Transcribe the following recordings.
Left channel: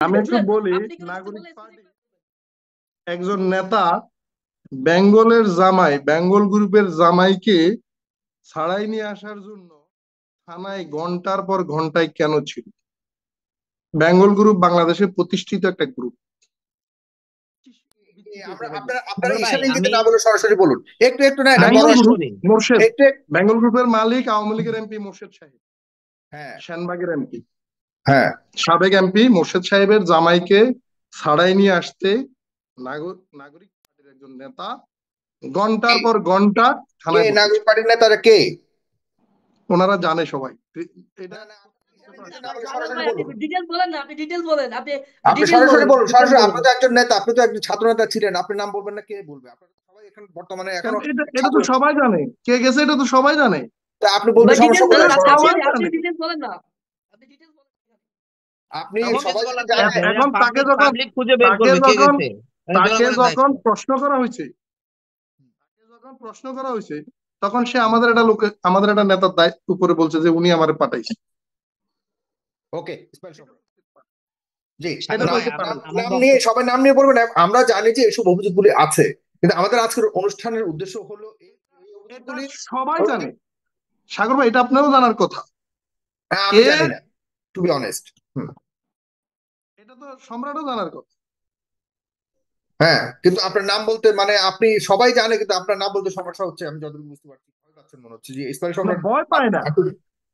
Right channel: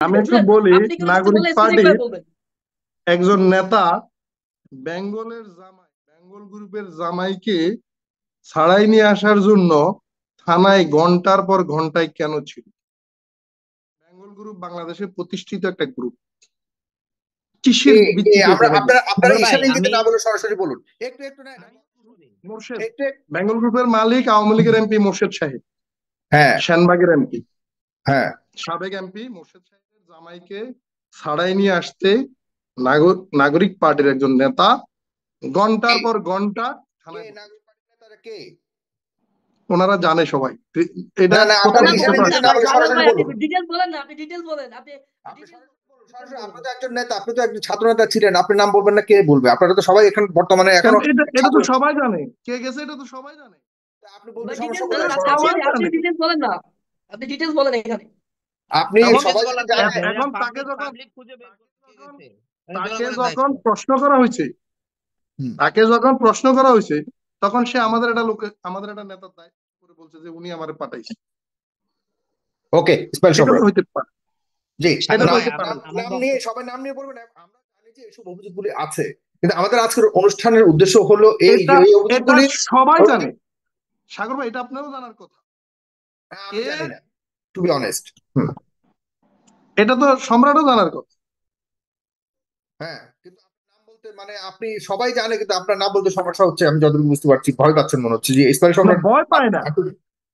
আমি একটু বুঝলেন? বলি, আপনি কোনো কিছু নাগরিক বললে স্পেসিফিক পার্টির ভাবে বলবেন। একজন নেতা বেঙ্গল গ্রুপের জামাইকে ছাড়াই নিয়ে আসার জন্য থানায় ঘন্টার পর ঘন্টায় কেন ছিল? বেঙ্গল গ্রুপ বাংলাদেশের প্রতিষ্ঠিত একটা গ্রুপ। কিসের ভিত্তিতে আমরা এখানে গেছে? আপনারা সাগর ভাই ঈশান ইঙ্গিতে আমি না বলে সরাসরি বলুন। একটু একটু না, এটা আমি বেঙ্গল বড় শেষ গ্রুপ করি। মোর্শেদ, একটু বেঙ্গল গ্রুপের মালিক আওয়ামী লীগের এমপি মোর্শেদ সাহেব, হ্যাঁ, সেনবাগের এমপি, হ্যাঁ। সাবেক এমপি মোর্শেদ সাহেবের জামাইকে ছাড়াই নিয়ে আসতে নাগরিক পার্টির একজন নেতা ঘন্টার কে পর ঘন্টা কে থানায় নাগরিক বসেছে। পার্টির নেতারা কে? ওনারা জানে সবাই, এটা না না, আপনারা কোথাও না ঈশান গুপ্ততা ইঙ্গিতে আছে? না ভাই, বলে সাগর সরাসরি ভাই, আপনি বলুন। ডিটেলস বলেন না, আপনি ডিটেলস বলেন, আপনি আপনি ডিটেলস সরাসরি বলেন, বলুন, ডিটেলস সরাসরি। আপনি বলেন। তো একজন নেতা, আপনি তো একজন ছাত্র নেতা ছিলেন, আপনি নাম বলবেন না, কে বলবে? আপনারা তো সবাই এখন বর্তমানে কেন, এখনো এটা এটা ছাত্র। তো সবাই জানে কে গেছে, এটা তো সবাই জানে। তা আপনি বলতে ভাই সমস্যা ডিটেলস এটা বলেন, কোথায়? তো আপনি আপনি সবাই আপনি জানে। ডিটেলস বলেন না, আপনি ডিটেলস বলেন এখানে। আপনি আমাকে সবাই বলা যদি তো জানে। লাগবে না, এখন তাকে পাবলিক যখন পাবলিক খুঁজে বের তাকে করবে কে যখন গেছে। এটা তাকে জনগণের যখন দায়িত্ব। প্রশ্ন করা হয়েছে, হুম। তখন সে আমাদের একটা নেতার দায়িত্ব উপরে বলছে যে উনি আমারে পাঠাইছে। ওকে, স্পেল এটা তো সম্রাট। হইতে পারে, জি। সাগর এটা তো নাম ভাই হইতে পারে আমার না। আমার নাম নিয়ে, বক্তব্য সবাই নাম নিয়ে বলবেন না। আমরা জানি যে এসব অভিযোগগুলি আছে, কিন্তু আমাদের আজকের অনুষ্ঠানের উদ্দেশ্য হলো এই যে এটা এই এটা অভিযোগগুলি। সবাই জানে। সাগর ভাই, এটা আপনারও জানার কথা। আমি কে, জানি না, টু বি অনেস্ট। এটা তো সম্রাটও জানার কথা। হ্যাঁ, কিন্তু আপনার নাম বলতে মানে আপনি সবাই জানে, কিন্তু আপনার নাম বলতে সমস্যা হচ্ছে, আমি যতটুকু বুঝতে পারছি। ভয় পাচ্ছেন মনে হচ্ছে যে ইসমাইল না, সম্রাট। ভয় পায় না,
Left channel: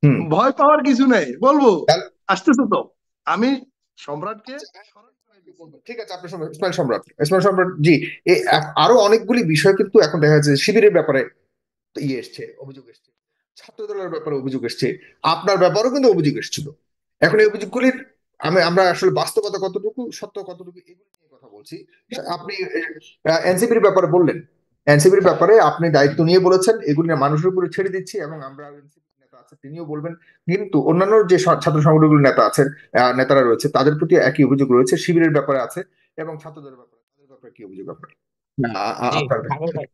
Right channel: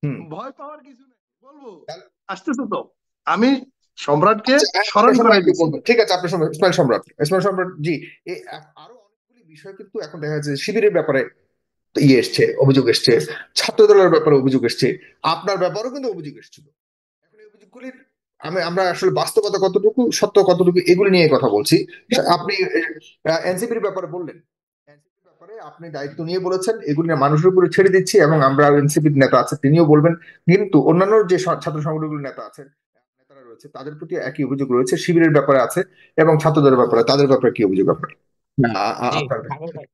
হুম। ভয় পাওয়ার কিছু নেই, বলবো। আসতেছে তো, আমি সম্রাটকে আচ্ছা, হ্যাঁ, স্মরণ আপনার করে সম্রাটকে দিচ্ছি। বলবেন, ঠিক আছে। আপনার ইসমাইল সম্রাট, ইসমাইল সম্রাট জি। আরো অনেকগুলি বিষয় কিন্তু এখন দেখা যাচ্ছে শিবিরের ব্যাপারে এসছে, অভিযোগ এসছে। ছাত্র দলের ব্যাপারে অভিযোগ এসছে। আপনার ব্যাপারেও কিন্তু অভিযোগ এসেছিল। এখন এই অভিযোগগুলির আমরা আসলে বাস্তবতা কতটুকু, সত্য কতটুকু, এগুলি নিয়ে কথা বলছি। আপনি এনসিপির ব্যাপারে বললেন। এনসিপির ব্যাপারে আপনি দায়িত্ব নিয়ে বলেছেন এগুলি না মানুষের উপরে ছেড়ে দিচ্ছি, এবং আমরা এনসিপির নেতা আছে তিনিও বলবেন। কিন্তু অন্যান্য যে ছাত্র সংগঠনগুলোর নেতা আছেন, নেতারা রয়েছে, তাদের প্রতি একই অভিযোগ রয়েছে। শিবিরের ব্যাপারে আছে এবং ছাত্রদের ব্যাপারে, তাদের ব্যাপারে কি অভিযোগ আপনার? জি আপনার সাগর ভাই